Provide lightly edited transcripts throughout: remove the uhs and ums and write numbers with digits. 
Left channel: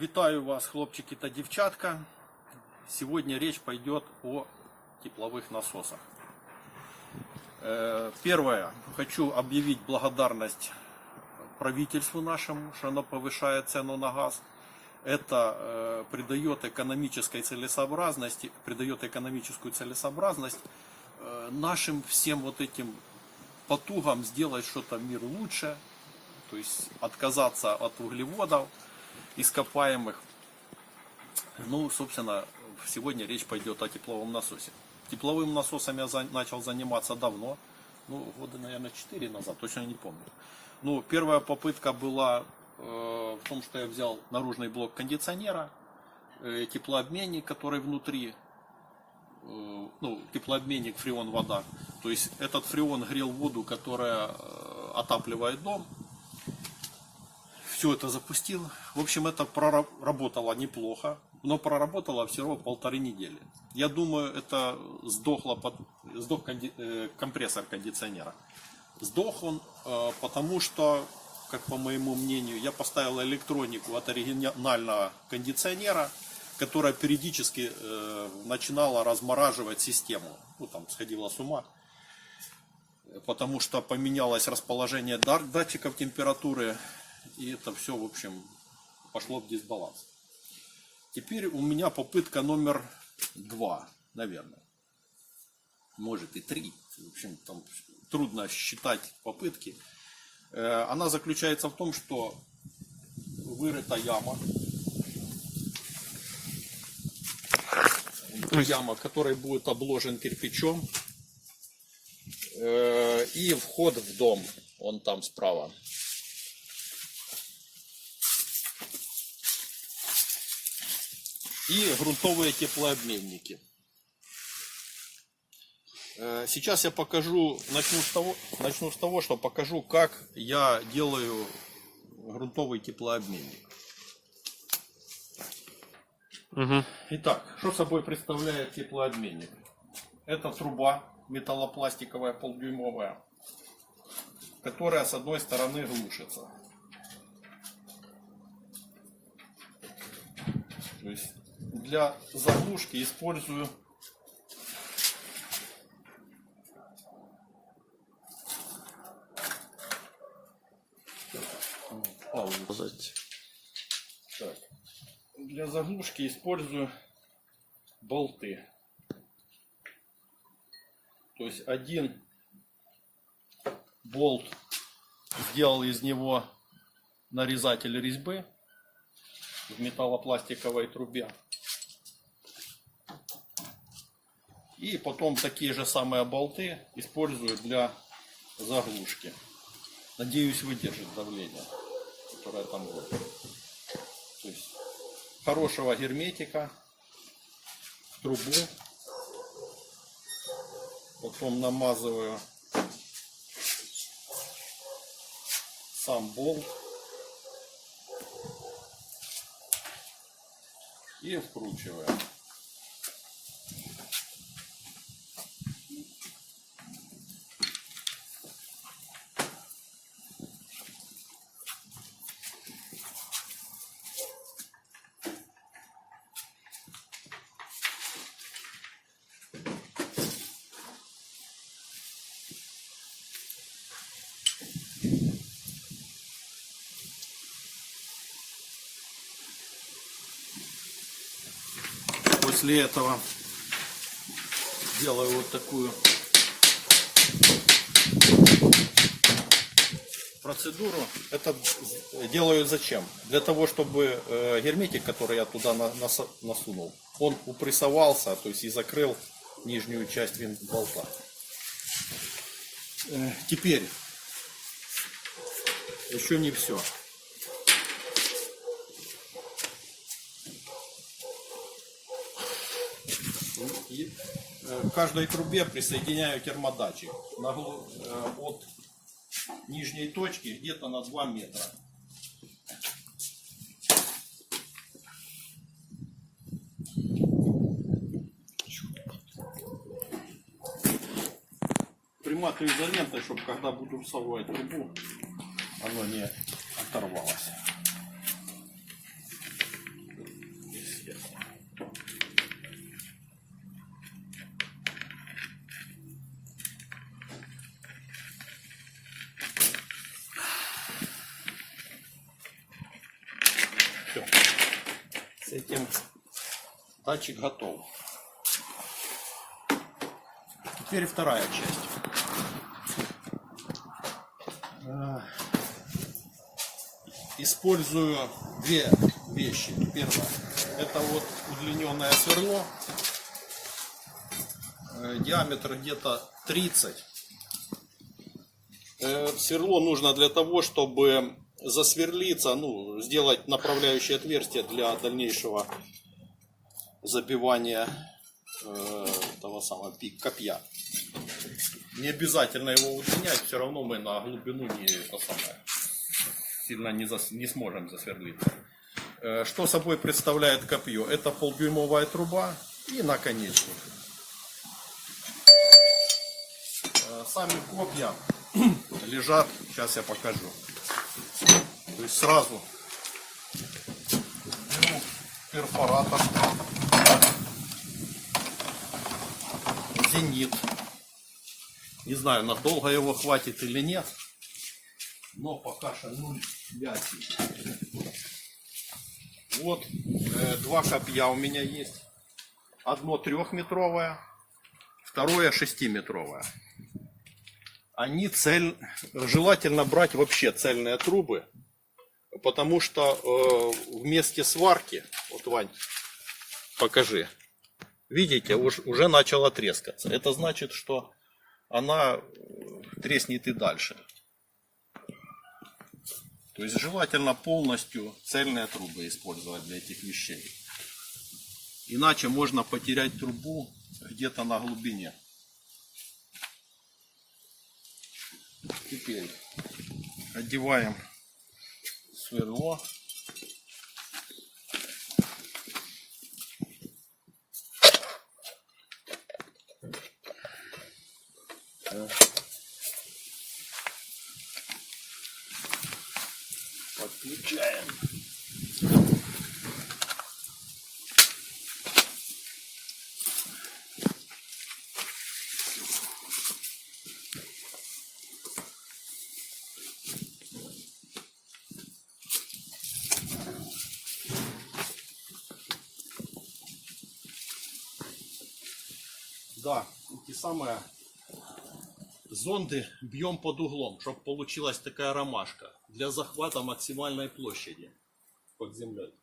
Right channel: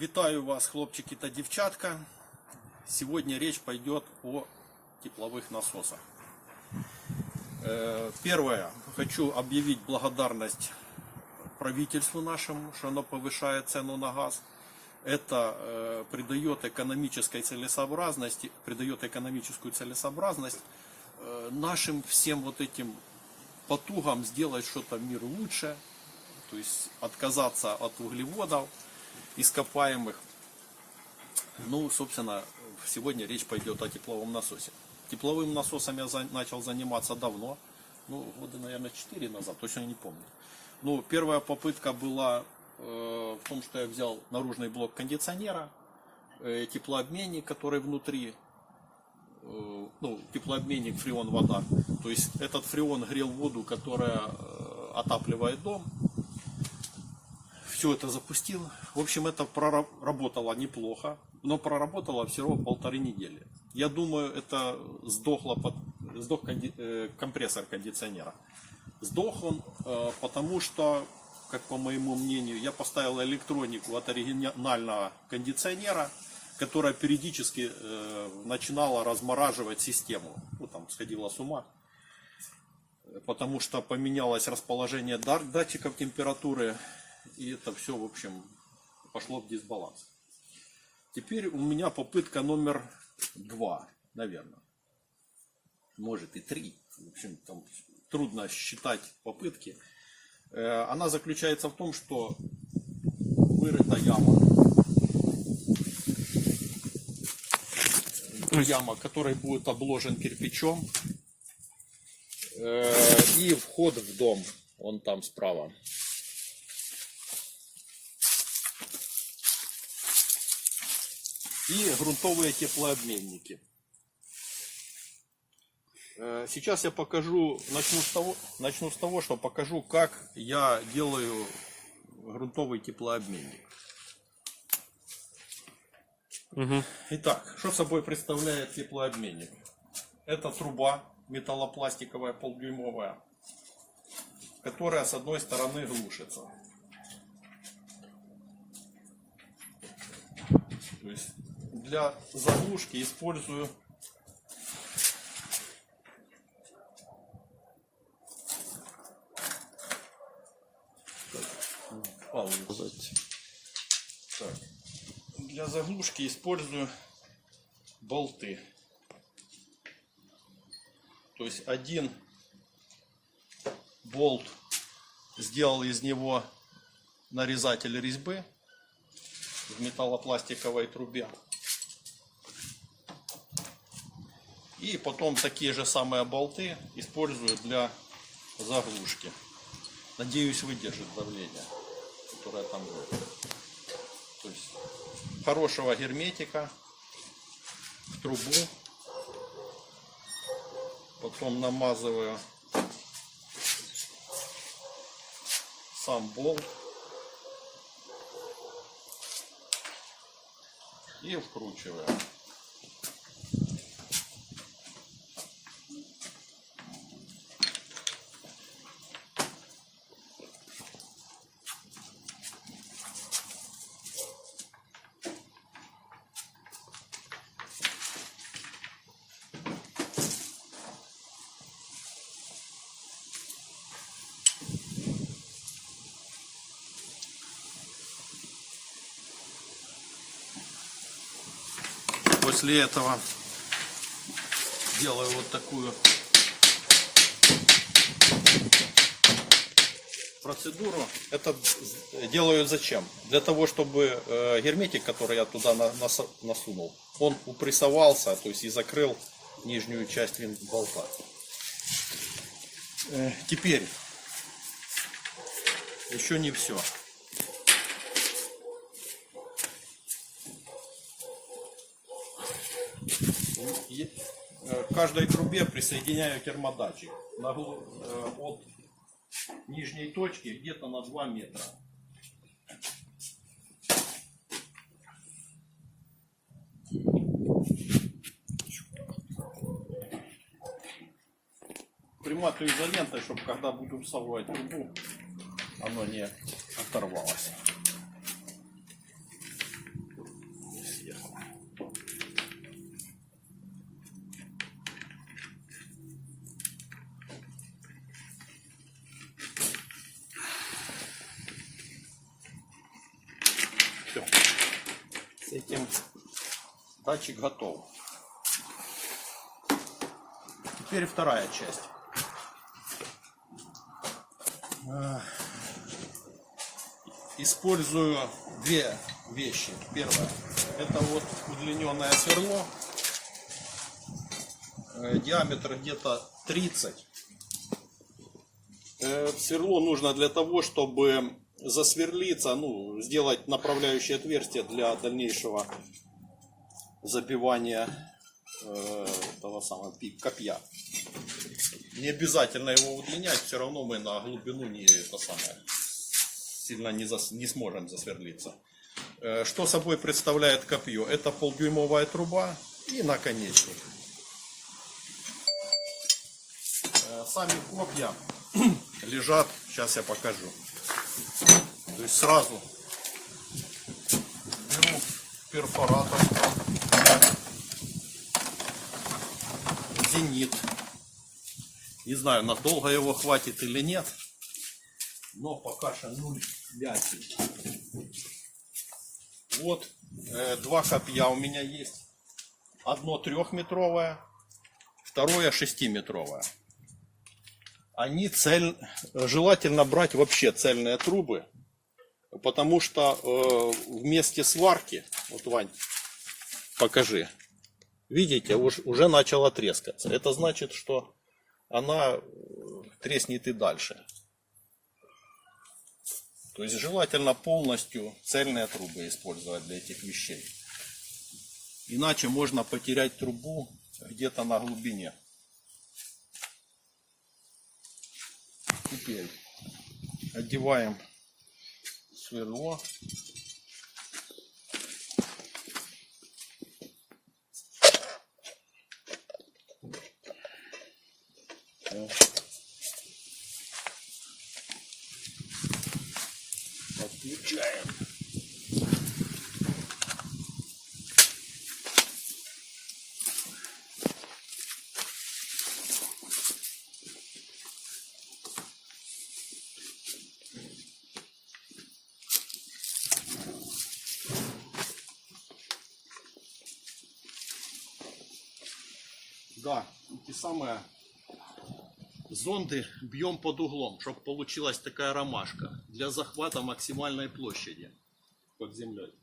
Вітаю вас, хлопчики та дівчатка. Сегодня речь пойдет о тепловых насосах. Первое. Хочу объявить благодарность правительству нашему, что оно повышает цену на газ. Это придает экономическую целесообразность нашим всем вот этим потугам сделать что-то в мир лучше. То есть отказаться от углеводов ископаемых. Ну, собственно, сегодня речь пойдет о тепловом насосе. Тепловым насосом я начал заниматься давно. Ну, года, наверное, 4 назад, точно не помню. Ну, первая попытка была в том, что я взял наружный блок кондиционера, теплообменник, который внутри, ну, теплообменник фреон-вода. То есть этот фреон грел воду, которая отапливает дом. Все это запустил. В общем, это проработало неплохо, но проработало всего 1,5 недели. Я думаю, это сдох компрессор кондиционера. Сдох он, потому что, как по моему мнению, я поставил электронику от оригинального кондиционера, которая периодически начинала размораживать систему. Ну, там сходила с ума. Потому что поменялось расположение датчиков температуры. И это все, в общем, пошло в дисбаланс. Теперь у меня попытка номер 2, наверное. Может и 3. В общем, там трудно считать попытки. Она заключается в том, что вырыта яма. Яма, которой будет обложен кирпичом. И вход в дом. Он там справа. И грунтовые теплообменники. Сейчас я покажу, начну с того, что покажу, как я делаю грунтовый теплообменник. Итак, что собой представляет теплообменник? Это труба металлопластиковая полдюймовая, которая с одной стороны глушится. То есть для заглушки использую так, для заглушки использую болты. То есть один болт, сделал из него нарезатель резьбы в металлопластиковой трубе. И потом такие же самые болты использую для заглушки. Надеюсь, выдержит давление, которое там будет. То есть хорошего герметика в трубу. Потом намазываю сам болт. И вкручиваю. После этого делаю вот такую процедуру. Это делаю зачем? Для того, чтобы герметик, который я туда насунул, он упрессовался, то есть и закрыл нижнюю часть винт-болта. Теперь еще не все. К каждой трубе присоединяю термодатчик от нижней точки где-то на 2 метра. Приматываю изолентой, чтобы когда буду всовывать трубу, оно не оторвалось. этим датчик готов. Теперь вторая часть. Использую две вещи. Первое, это вот удлиненное сверло. Диаметр где-то 30. Сверло нужно для того, чтобы засверлиться, ну, сделать направляющее отверстие для дальнейшего забивания того самого копья. Не обязательно его удлинять, все равно мы на глубину сильно не сможем засверлиться. Что собой представляет копье? Это полдюймовая труба и наконечник. Сами копья лежат, сейчас я покажу. То есть сразу беру перфоратор, зенит. Не знаю, надолго его хватит или нет, но пока что 0,5. Вот два копья у меня есть. Одно 3-метровое, второе 6-метровое. Они желательно брать вообще цельные трубы, потому что в месте сварки, вот, Вань, покажи, видите, уже начала трескаться. Это значит, что она треснет и дальше. То есть желательно полностью цельные трубы использовать для этих вещей. Иначе можно потерять трубу где-то на глубине. Теперь одеваем сверло. Подключаем. Да, эти самые зонды бьем под углом, чтобы получилась такая ромашка для захвата максимальной площади под землей.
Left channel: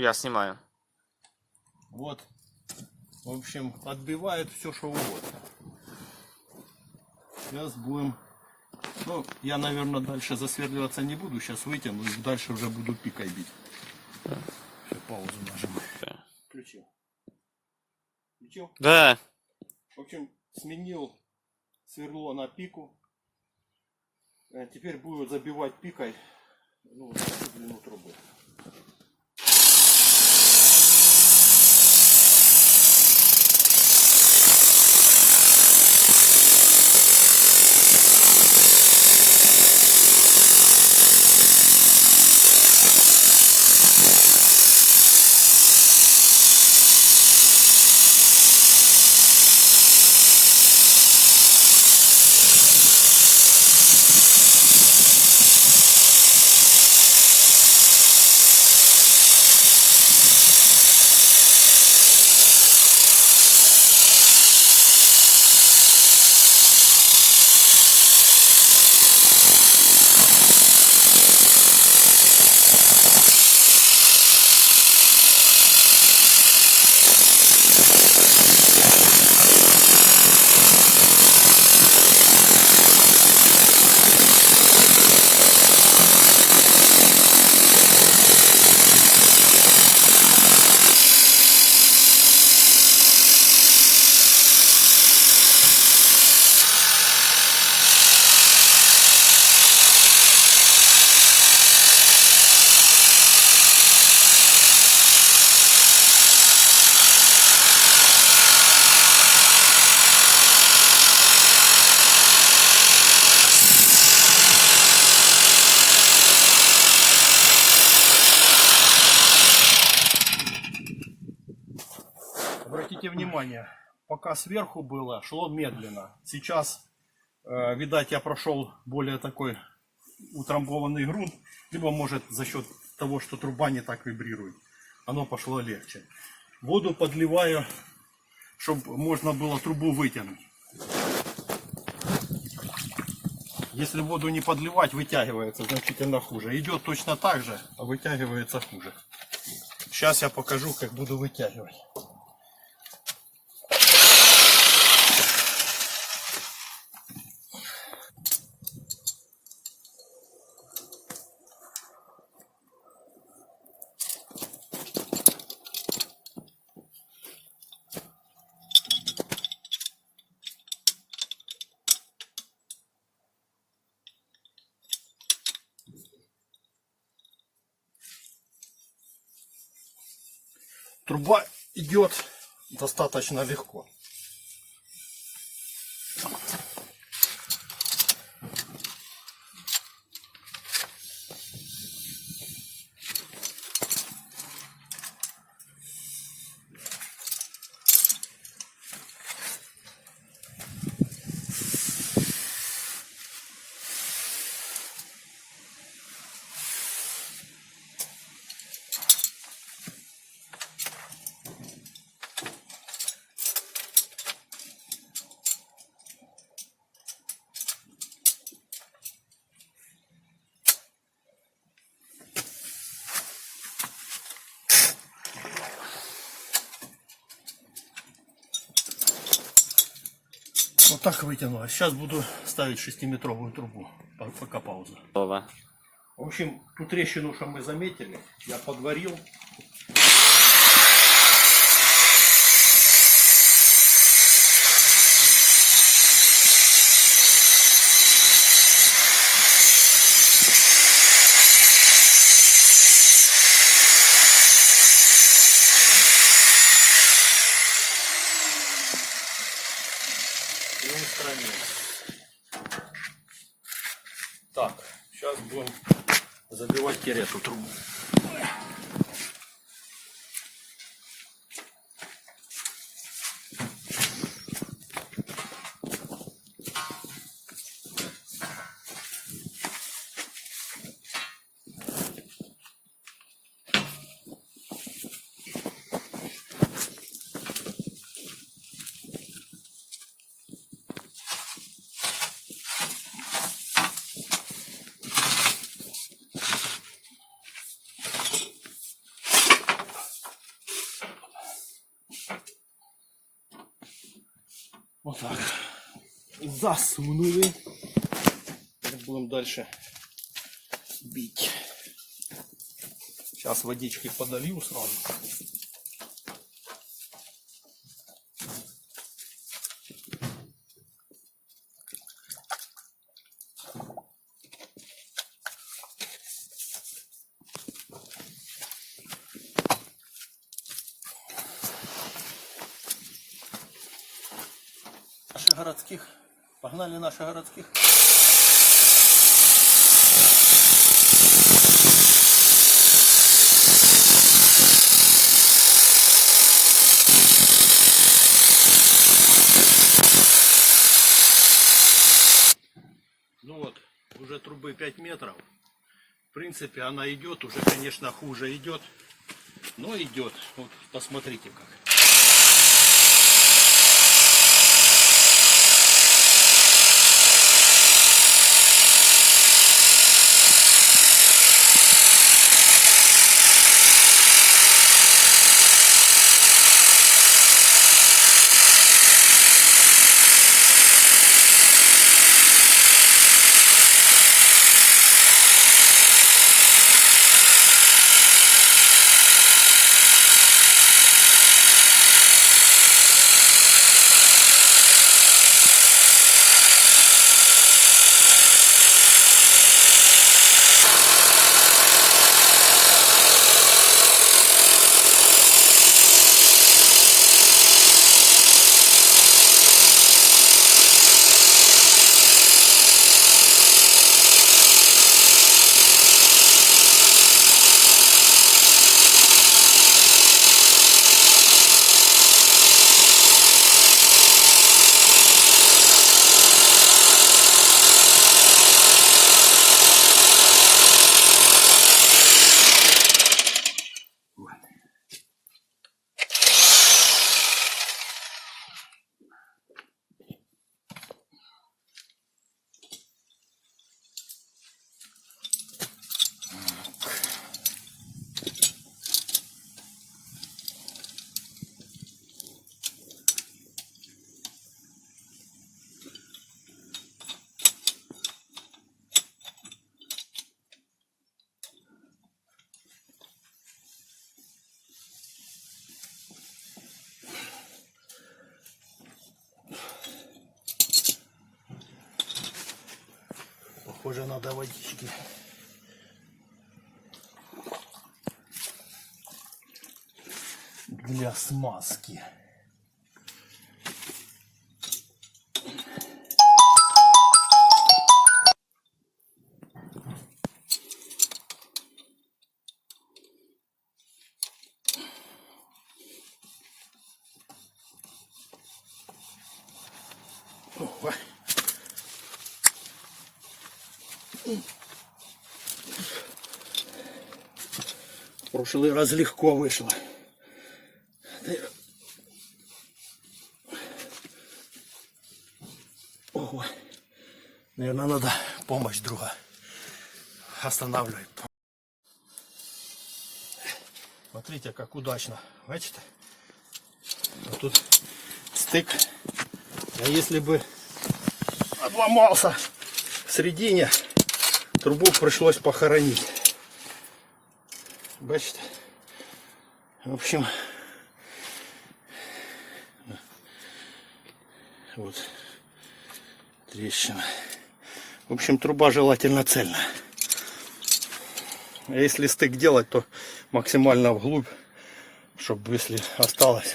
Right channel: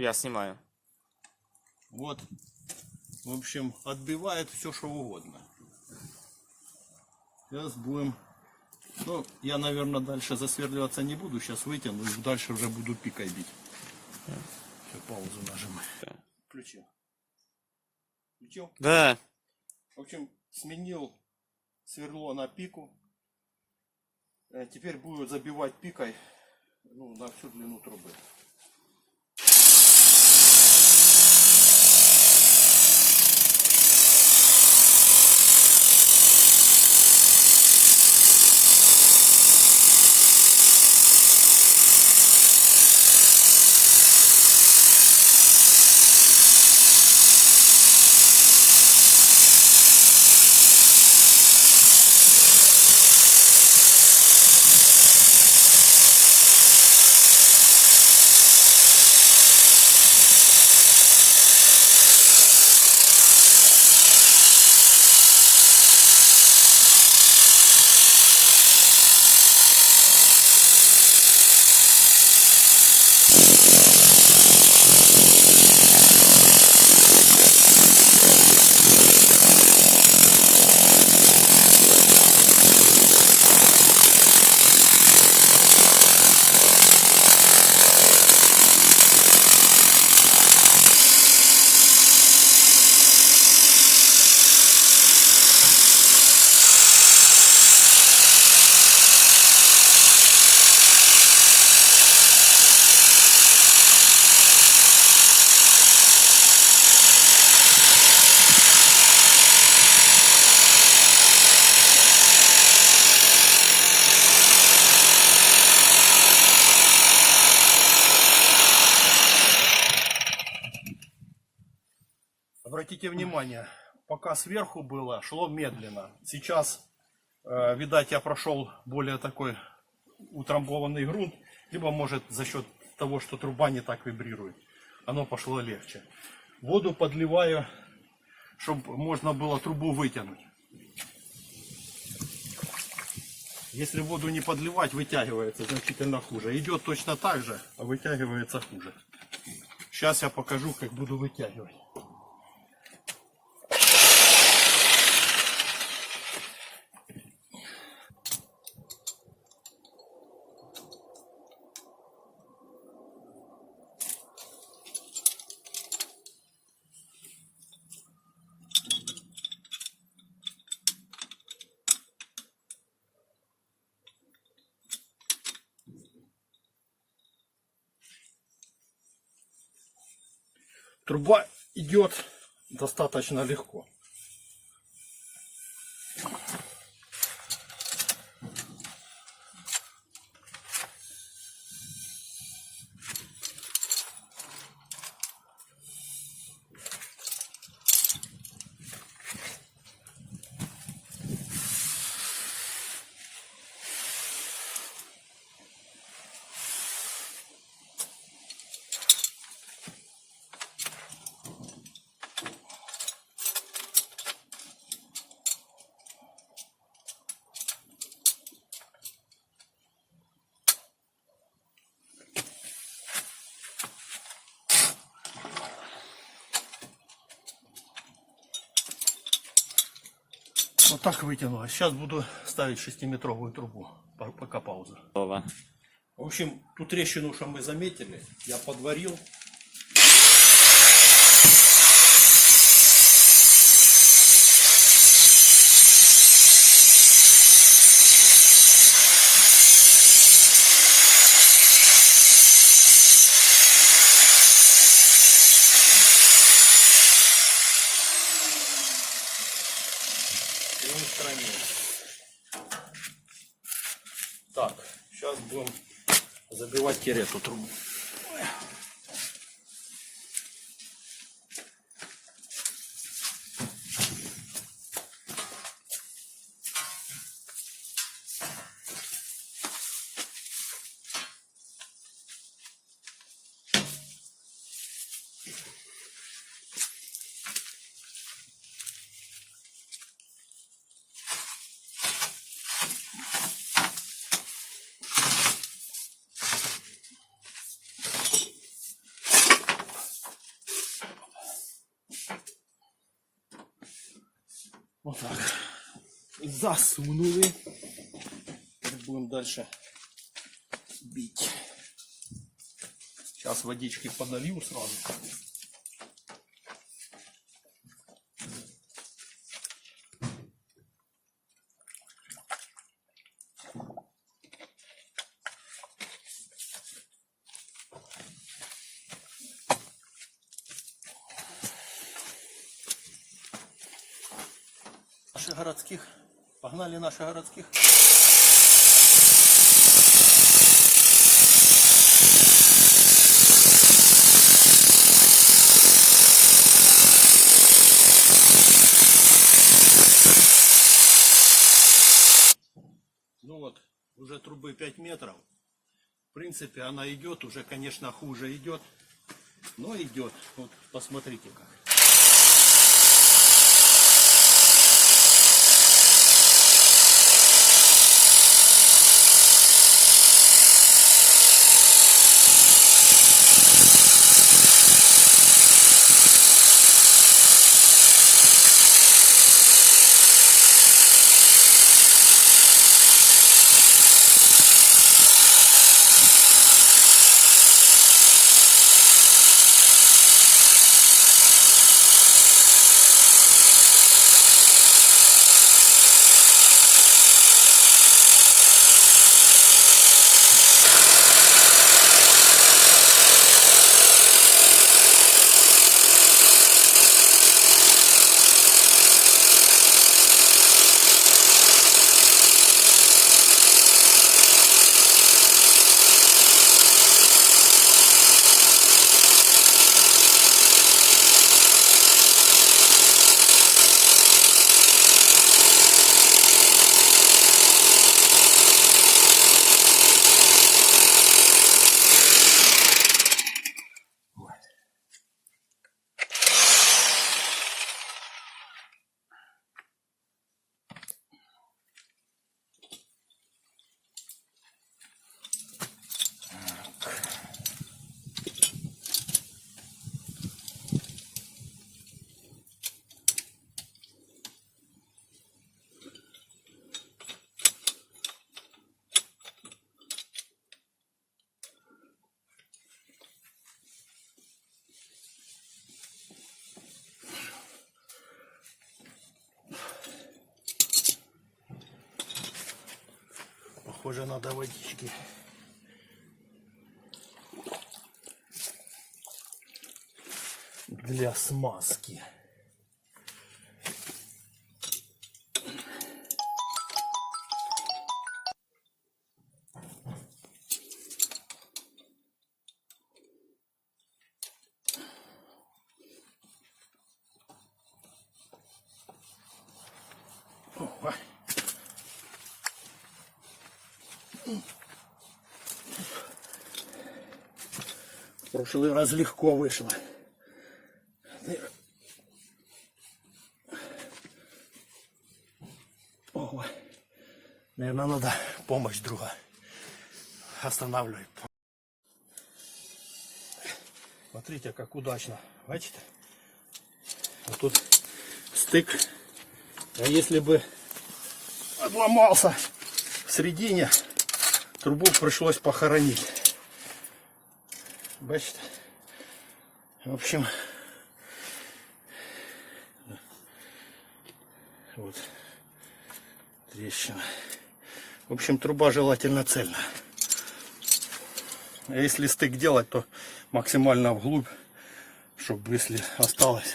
Я снимаю. Вот, в общем, отбивает все, что угодно. Сейчас будем, ну, я, наверное, дальше засверливаться не буду, сейчас вытяну и дальше уже буду пикой бить. Сейчас паузу нажимаю. Включил. Включил? Да. В общем, сменил сверло на пику. Теперь буду забивать пикой, ну, на всю длину трубы. Обратите внимание, пока сверху было, шло медленно. Сейчас, видать, я прошел более такой утрамбованный грунт, либо может за счет того, что труба не так вибрирует, оно пошло легче. Воду подливаю, чтобы можно было трубу вытянуть. Если воду не подливать, вытягивается значительно хуже. Идет точно так же, а вытягивается хуже. Сейчас я покажу, как буду вытягивать. Труба идет достаточно легко. Вот так вытянулось. Сейчас буду ставить 6-метровую трубу. Пока пауза. Готово. В общем, ту трещину, что мы заметили, я подварил. И устранил. Так, сейчас будем забивать кересу трубу. Вот так. Засунули. Теперь будем дальше бить. Сейчас водички подолью сразу. Наших городских. Погнали наших городских. Ну вот, уже трубы 5 метров. В принципе, она идет, уже, конечно, хуже идет, но идет. Вот, посмотрите как. похоже, надо водички. Для смазки. Ой. В прошлый раз легко вышло. Ого. Наверное, надо помощь друга. Останавливай. Смотрите, как удачно. Бачите? Вот тут стык. А если бы отломался в середине, трубу пришлось похоронить. Бачите? В общем, вот трещина. В общем, труба желательно цельная. А если стык делать, то максимально вглубь, чтобы если осталось.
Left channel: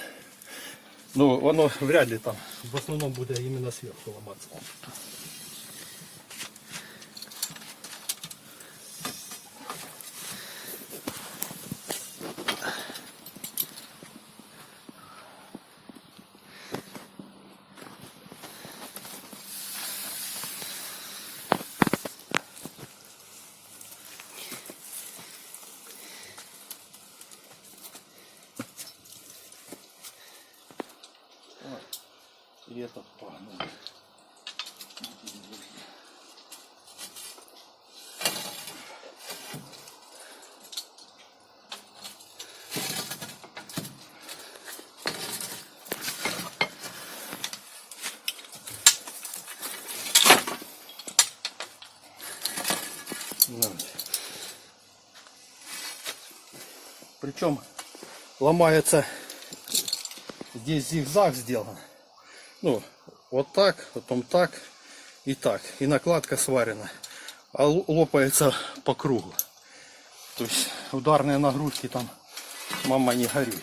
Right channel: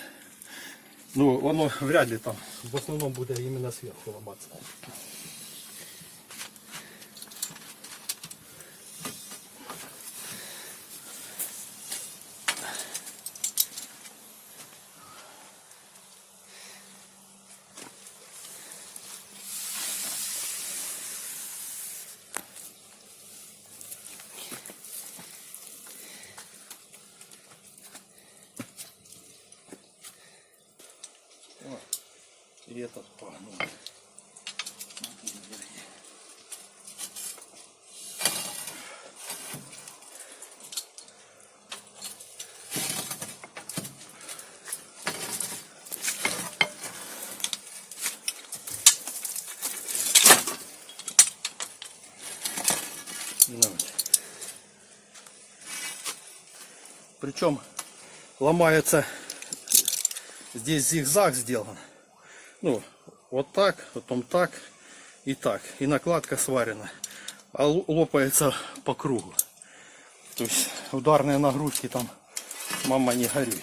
Ну, оно вряд ли там. В основном будет именно сверху ломаться. И этот погнул. Причем ломается, здесь зигзаг сделан. Ну, вот так, потом так и так. И накладка сварена. А лопается по кругу. То есть ударные нагрузки там, мама, не гори.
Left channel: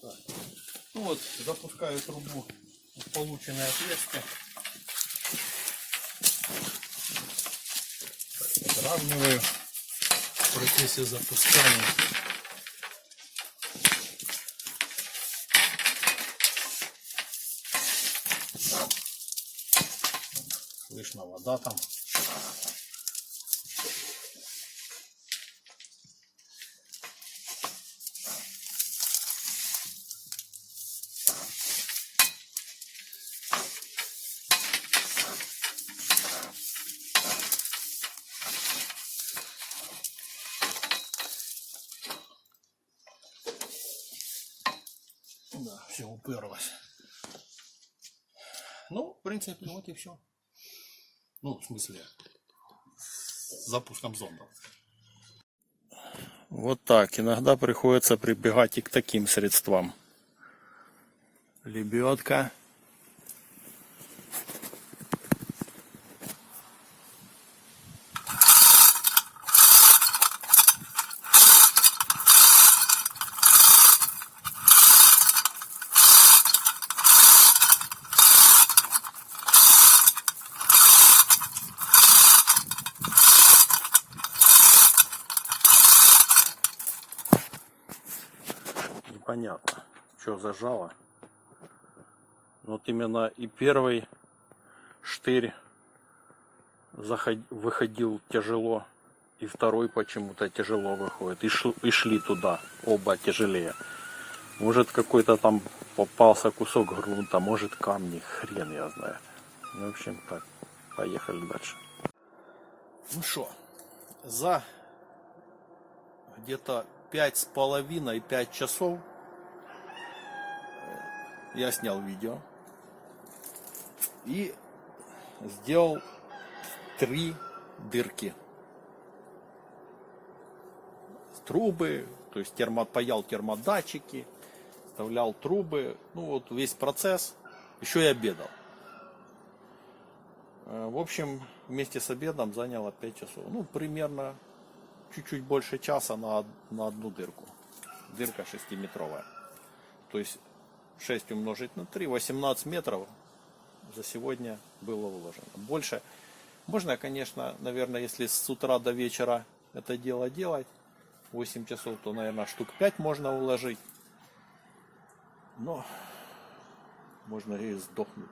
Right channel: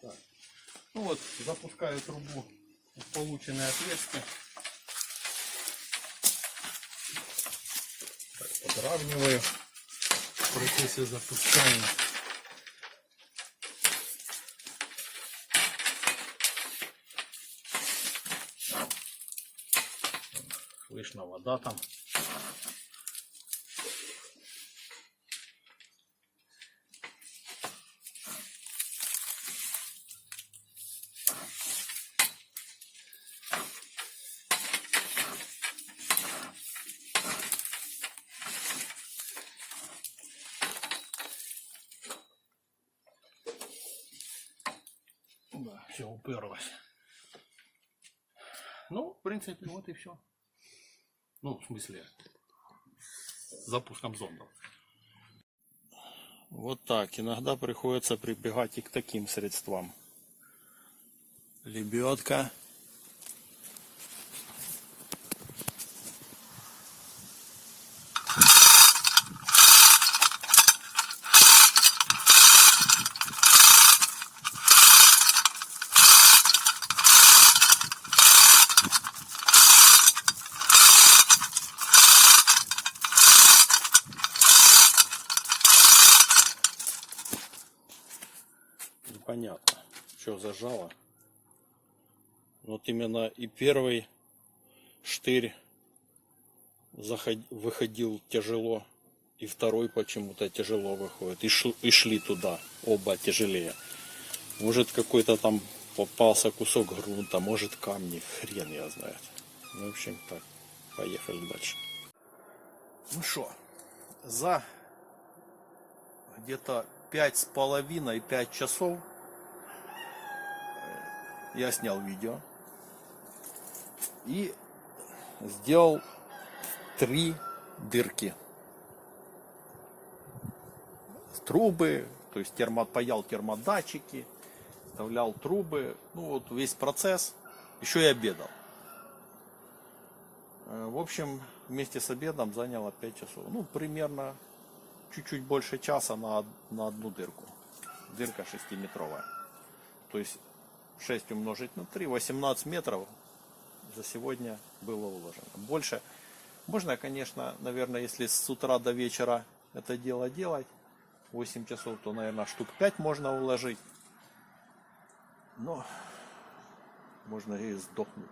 Так. Ну вот, запускаю трубу в полученное отверстие. Так, подравниваю в процессе запускания. Слышно, вода там. Да, все уперлось. Ну, в принципе, вот и все. Ну, в смысле, с запуском зондов. Вот так. Иногда приходится прибегать и к таким средствам. Лебедка. Непонятно, что зажало. Вот именно и первый штырь выходил тяжело, и второй почему-то тяжело выходит. И шли туда, оба тяжелее. Может, какой-то там попался кусок грунта, может, камни, хрен я знает. В общем, так, поехали дальше. Ну что, за где-то 5,5 часов я снял видео и сделал 3 дырки. Трубы, то есть паял термодатчики, вставлял трубы, ну вот весь процесс, еще и обедал. В общем, вместе с обедом заняло 5 часов. Ну, примерно чуть-чуть больше часа на одну дырку. Дырка 6-метровая. То есть 6 умножить на 3, 18 метров за сегодня было уложено. Больше можно, конечно, наверное, если с утра до вечера это дело делать, 8 часов, то, наверное, штук 5 можно уложить. Но можно и сдохнуть.